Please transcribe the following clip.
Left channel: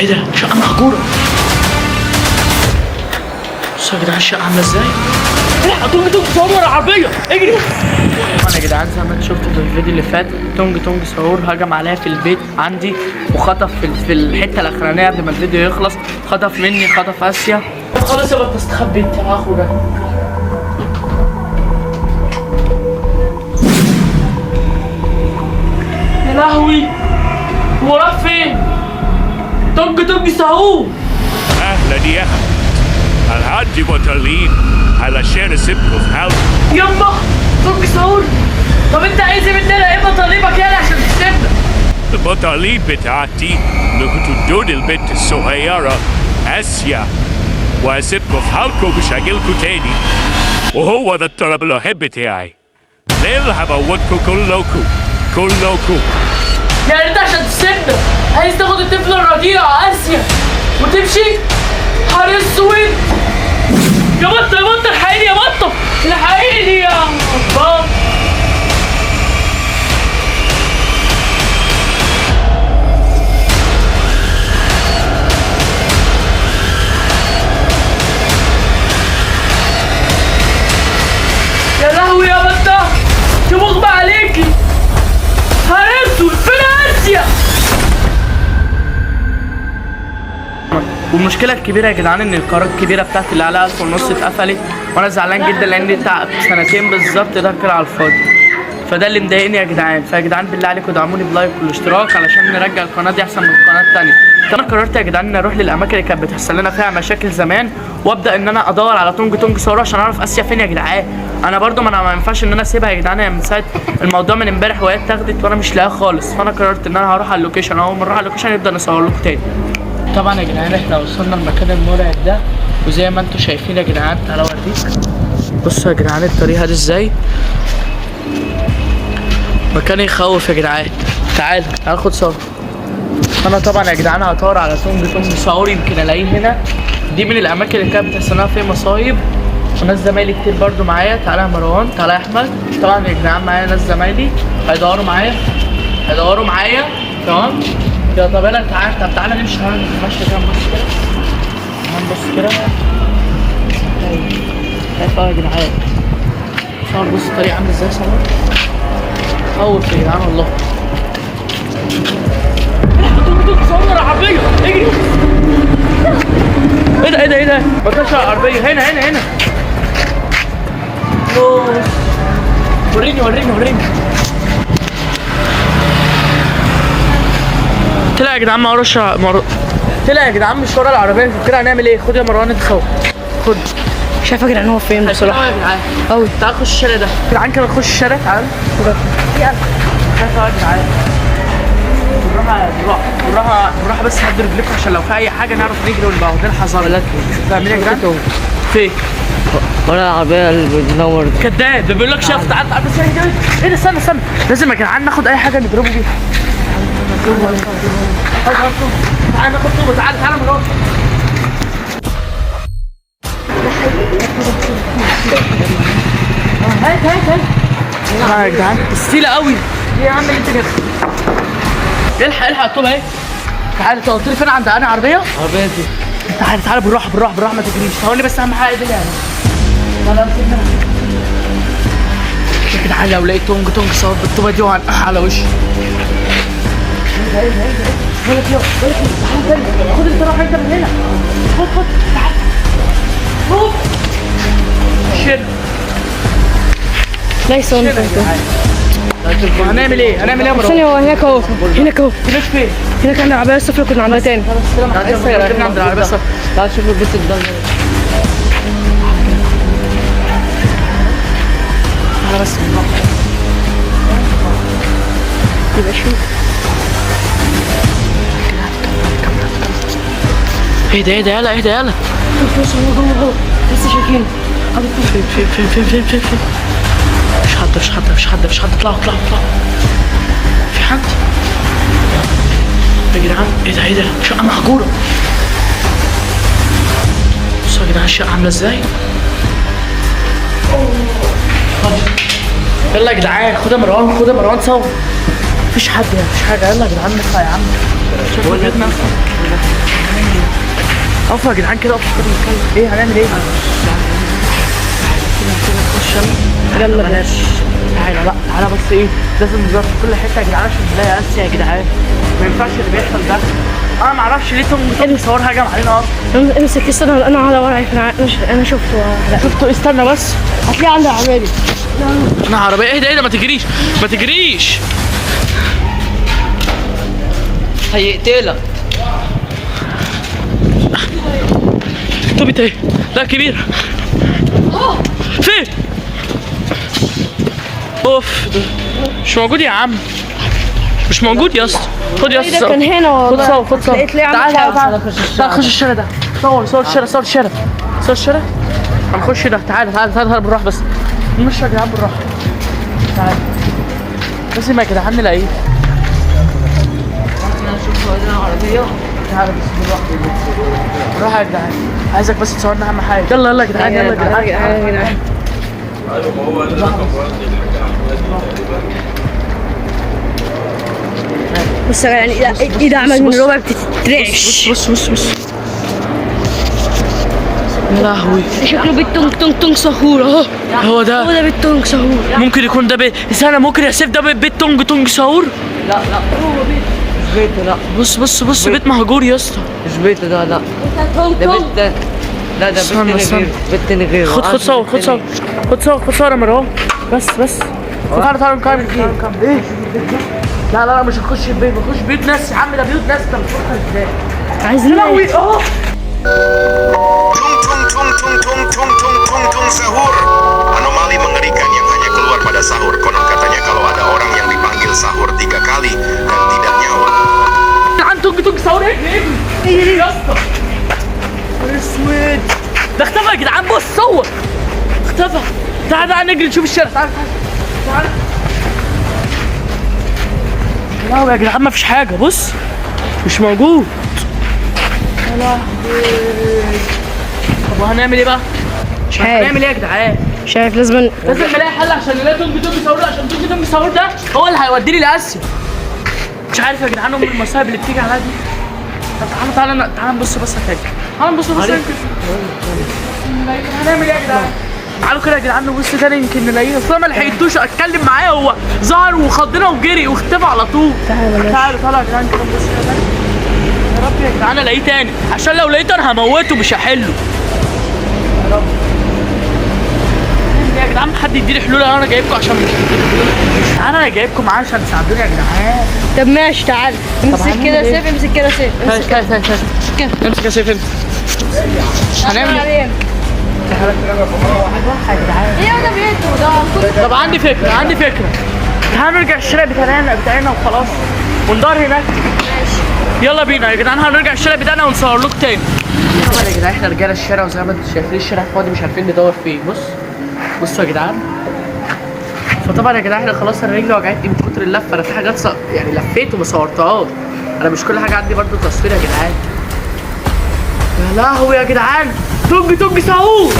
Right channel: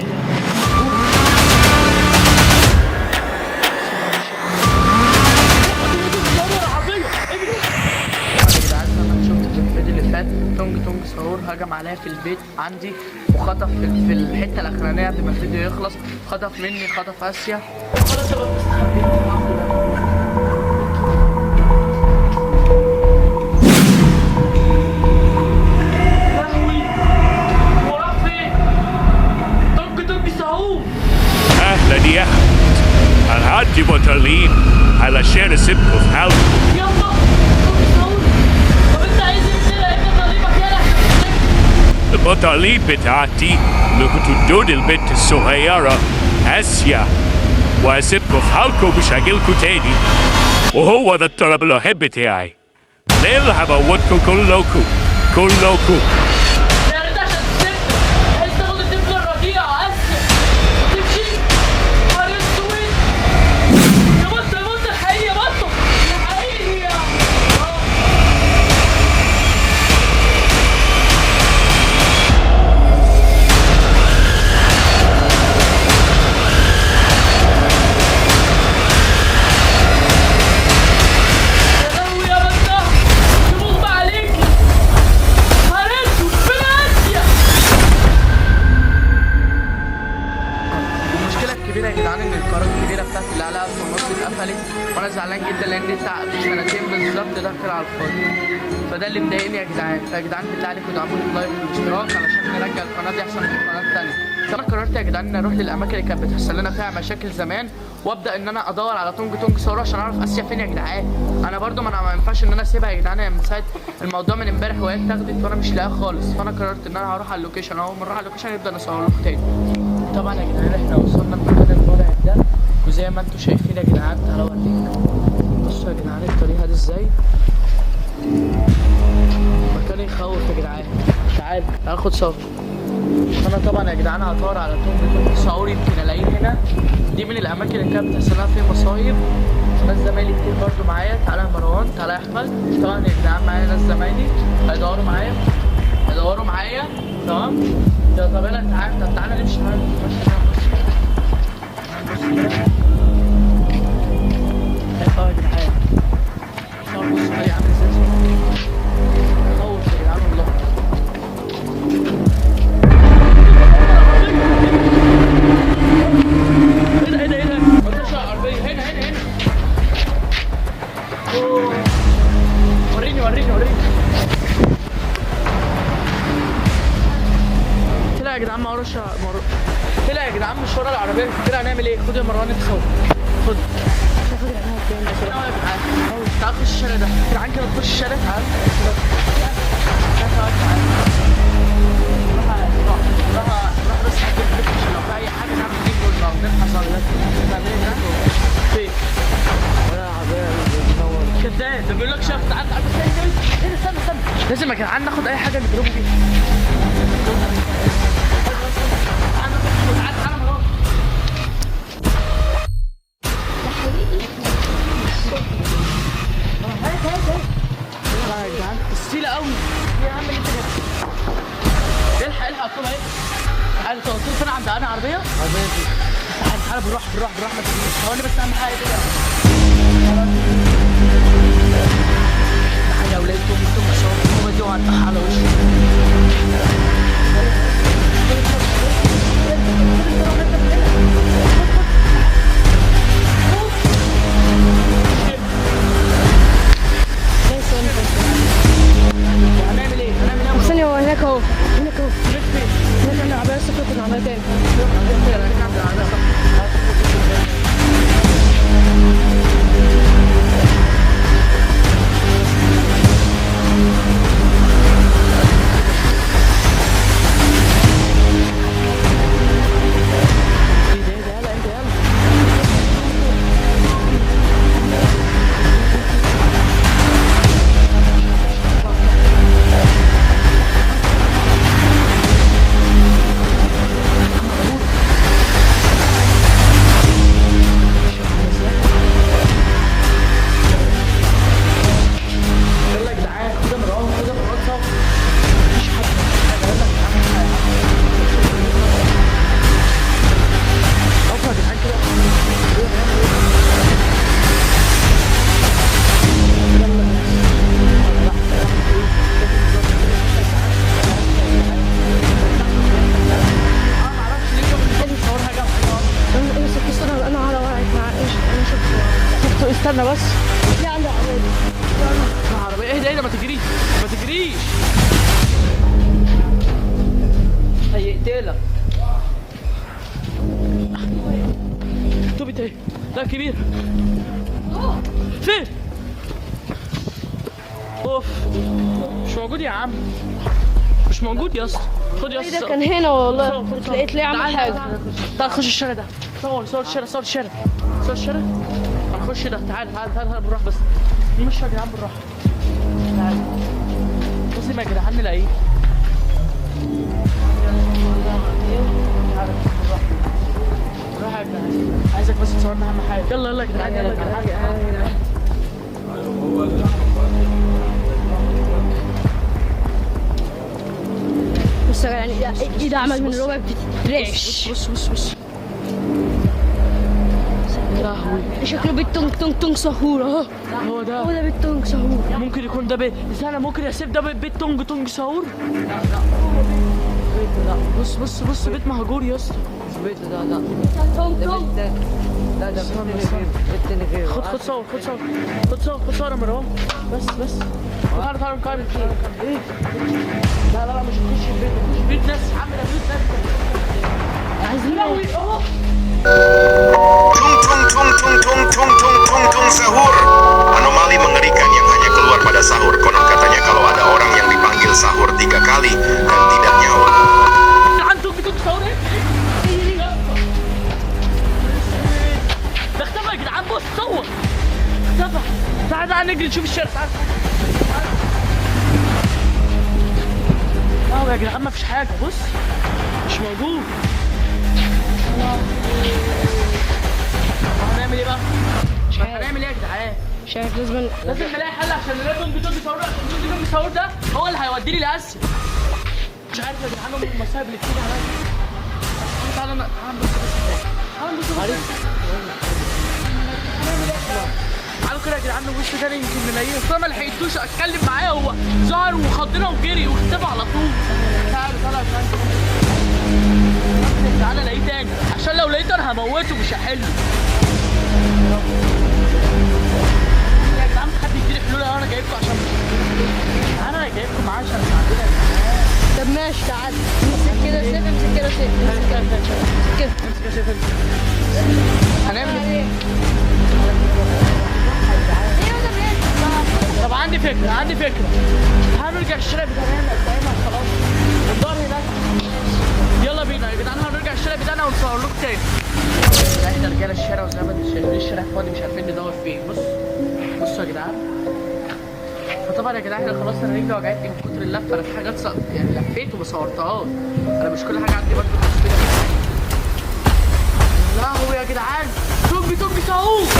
ايه ده؟ شقة مهجورة. بصوا يا جدعان الشقة عاملة ازاي؟ الحق تونج تونج صور العربية، اجري! طبعا يا جدعان زي ما انتم شفتوا في الفيديو اللي فات، تونج تونج صور هجم عليا في البيت عندي وخطف في الحتة الأخرانية قبل ما الفيديو يخلص، خطف مني، خطف آسيا. خلاص يابا استخبيت يا اخو ده. يا لهوي! هو راح فين؟ تونج تونج صور. أهلا يا أحمد. الحاج بطلين على شارع سبكو في حلب. يما تونج صور. طب انت عايز ايه مننا؟ ايه مطالبك يالا عشان تسيبنا؟ المطالب بتاعتي انكم تدون البنت الصغيرة آسيا واسيبكم في حالكم مش هجيلكوا تاني، وهو ده الطلب الوحيد بتاعي. ليل هموتكم كلكم. يعني انت عشان تسيبنا عايز تاخد الطفل الرضيع آسيا وتمشي؟ حار اسود يا بطة، يا بطة الحقيني، يا بطة الحقيني يا بطة. يا لهوي يا بطة، يا مغمى عليكي، حار اسود فين آسيا؟ والمشكله الكبيره يا جدعان ان القناه الكبيره بتاعتي اللي عليها 1500 اتقفلت، وانا زعلان جدا لان تعب سنتين بالظبط ده كده على الفاضي، فده اللي مضايقني يا جدعان. فيا جدعان بالله عليكم ادعموني بلايك والاشتراك علشان نرجع القناه دي احسن من القناه الثانيه. انا قررت يا جدعان ان اروح للاماكن اللي كانت بتحصل لنا فيها مشاكل زمان، وابدا ان انا ادور على تونج تونج صور عشان اعرف اسيا فين يا جدعان. انا برضو ما ينفعش ان انا اسيبها يا جدعان، هي من ساعه الموضوع من امبارح وهي اتاخدت وانا مش لاقيها خالص، فانا قررت ان انا هروح على اللوكيشن. اول ما نروح على اللوكيشن نبدا نصور لكم تاني. طبعا يا جدعان احنا وصلنا المكان المرعب ده، وزي ما انتم شايفين يا جدعان تعالوا اوريك. بصوا يا جدعان الطريقه دي ازاي، مكان يخوف يا جدعان. تعال خد صور. انا طبعا يا جدعان هدور على تونج صور يمكن الاقيه هنا. دي من الاماكن اللي كانت بتحصل لها فيها مصايب، وناس زمايلي كتير برضو معايا. تعالى يا مروان، تعالى يا احمد. طبعا يا جدعان معايا ناس زمايلي هيدوروا معايا تمام. يا طب يلا تعالى، تعالى نمشي نتمشى كده، نبص كده. شايف يا جدعان صور؟ بص الطريق عامل ازاي، خوف يا جدعان والله. صور عربية، اجري! ايه ده؟ ما كانش عربية، هنا اوه. وريني طلع يا جدعان ما وراش طلع يا جدعان مش ورا العربية كده. هنعمل ايه؟ خد يا مروان انت خوف، خد. شايف يا جدعان هو فين بصراحه؟ يا جدعان قوي. تعال نخش الشارع ده يا جدعان كده، نخش الشارع. تعال شايف يا جدعان، بالراحه بس هدي رجلكم عشان لو في اي حاجه نعرف نجري ونبقى واخدين حذر. فاهمين يا جدعان؟ فين؟ ولا العربيه اللي بتنور دي. كداب بيقول لك شاف. تعال بس ايه ده، استنى لازم يا جدعان ناخد اي حاجه نضربه بيها. تعال ناخد طوبه. تعال مروان. هات يا جدعان السيله قوي. ايه يا عم اللي انت جايبها؟ الحق الطوبه اهي. تعال انت قلت لي فين عند انا عربيتي. تعال بالراحه ما تجريش. ثواني بس اهم حاجه دي يعني. يا جدعان لو لقيت تونج صور بالطوبه دي وهنقح على وشي. خد انت، روح انت من هنا. خد تعال. شوف شد. ليس هنعمل ايه يا مروان؟ ثانية، هو هناك اهو. فين؟ هناك عند العربية الصفرا كنا عندها تاني. عند العربية الصفرا. تعال شوفوا البيت قدامنا. بس يبقى شوف. ايه ده يلا لسه شايفين. فين؟ مش حد. اطلعوا. في حد يا جدعان؟ ايه ده؟ شقة مهجورة. بصوا يا جدعان الشقة عاملة ازاي. يلا يا جدعان خد يا مروان صور. مفيش حاجة. يلا يا جدعان نطلع يا عم. شوفوا اقفوا يا جدعان كده، اقفوا كده نتكلم. ايه هنعمل ايه؟ يلا بلاش. تعالى لا تعالى بس ايه، لازم نظبط كل حته يا جدعان عشان نلاقي اسيا يا جدعان. ما ينفعش اللي بيحصل ده. انا ما اعرفش ليه توم صور هجم علينا اصلا. امسك استنى، انا على ورعي، انا شفته. لا شفتوا؟ استنى بس. هتلاقيه عند العربيه. انا عربيه. اهدى ما تجريش ما تجريش، هيقتلك. توبي ايه؟ لا كبير. فين؟ اوف مش موجود يا عم، مش موجود يا اسطى. خد يا ده اسطى، كان هنا والله. خد صور خد صور. لقيت ليه عامل تعال حاجة. تعال خش الشارع ده. صور الشارع، صور الشارع. هنخش ده. تعال بالراحه بس. نمشي يا جدعان بالراحه. تعال لازم يا جدعان نلاقيه. تعال بس بالراحه يا جدعان. عايزك بس تصورنا اهم حاجه. يلا يا جدعان، يلا يا جدعان. بس يعني ايده عمل من ربع بتترعش. بص يا لهوي، شكله بالتونج تونج تونج سهور اهو. هو ده بالتونج سهور. ممكن يكون ده استنى، ممكن يا سيف ده بيت تونج ساور. لا هو بيت مش بيته. لا بص بيت مهجور يا اسطى. مش بيته ده. لا ده بيت ده. لا ده استنى، بيت استنى. غير بيت تاني غير. خد صور يا مروان. بس تعالى نكمل. ايه؟ لا مش هنخش البيت، نخش بيوت ناس يا عم. ده بيوت ناس، انت بتفكر ازاي؟ عايزين لهوي اهو. Tung sahur. Anomali mengerikan yang hanya keluar pada sahur. Konon katanya kalau ada orang yang dipanggil sahur 3 kali dan tidak nyaut. عن تونج ساور. ايه يا اسطى؟ اسود ده اختفى يا جدعان. بص صور اختفى. تعال نجري نشوف الشارع. تعال لا يا جدعان مفيش حاجه. بص مش موجود. يا لهوي. طب وهنعمل ايه بقى؟ مش عارف. هنعمل ايه يا جدعان؟ مش عارف. لازم نلاقي حل عشان نلاقي تونج ساور. عشان تونج ساور ده هو اللي هيوديني لاسيا. مش عارف يا جدعان ام المصايب اللي بتيجي عليا دي. طب تعالى نبص بس يا فاكر. تعالى نبص بس هنعمل ايه يا جدعان؟ تعالوا كده يا جدعان نبص تاني يمكن نلاقيه. بس انا ما لحقتوش اتكلم معاه، هو ظهر وخضنا وجري واختفى على طول. تعالوا يا جدعان كده نبص كده. يا رب يا جدعان الاقيه تاني، عشان لو لقيته انا هموته مش هحله. يا رب يا جدعان حد يديني حلول. انا جايبكم عشان مش هتديني حلول. انا جايبكم معايا عشان تساعدوني يا جدعان. طب ماشي تعال. امسك كده سيف، امسك كده سيف. امسك يا سيف. هنعمل ايه؟ طب عندي فكرة. تعالوا نرجع الشارع بتاعنا وخلاص، وندار هناك. يلا بينا يا جدعان، هنرجع الشارع بتاعنا ونصور لكم تاني. طبعا يا جدعان احنا رجاله الشارع، وزي ما انتم شايفين الشارع فاضي، مش عارفين ندور فيه. بصوا يا جدعان. فطبعا يا جدعان احنا خلاص انا رجلي وجعتني من كتر اللفه. انا في حاجات يعني لفيت وما صورتهاش. انا مش كل حاجه عندي برضه تصوير يا جدعان. يا لهوي يا جدعان، تونج ساور.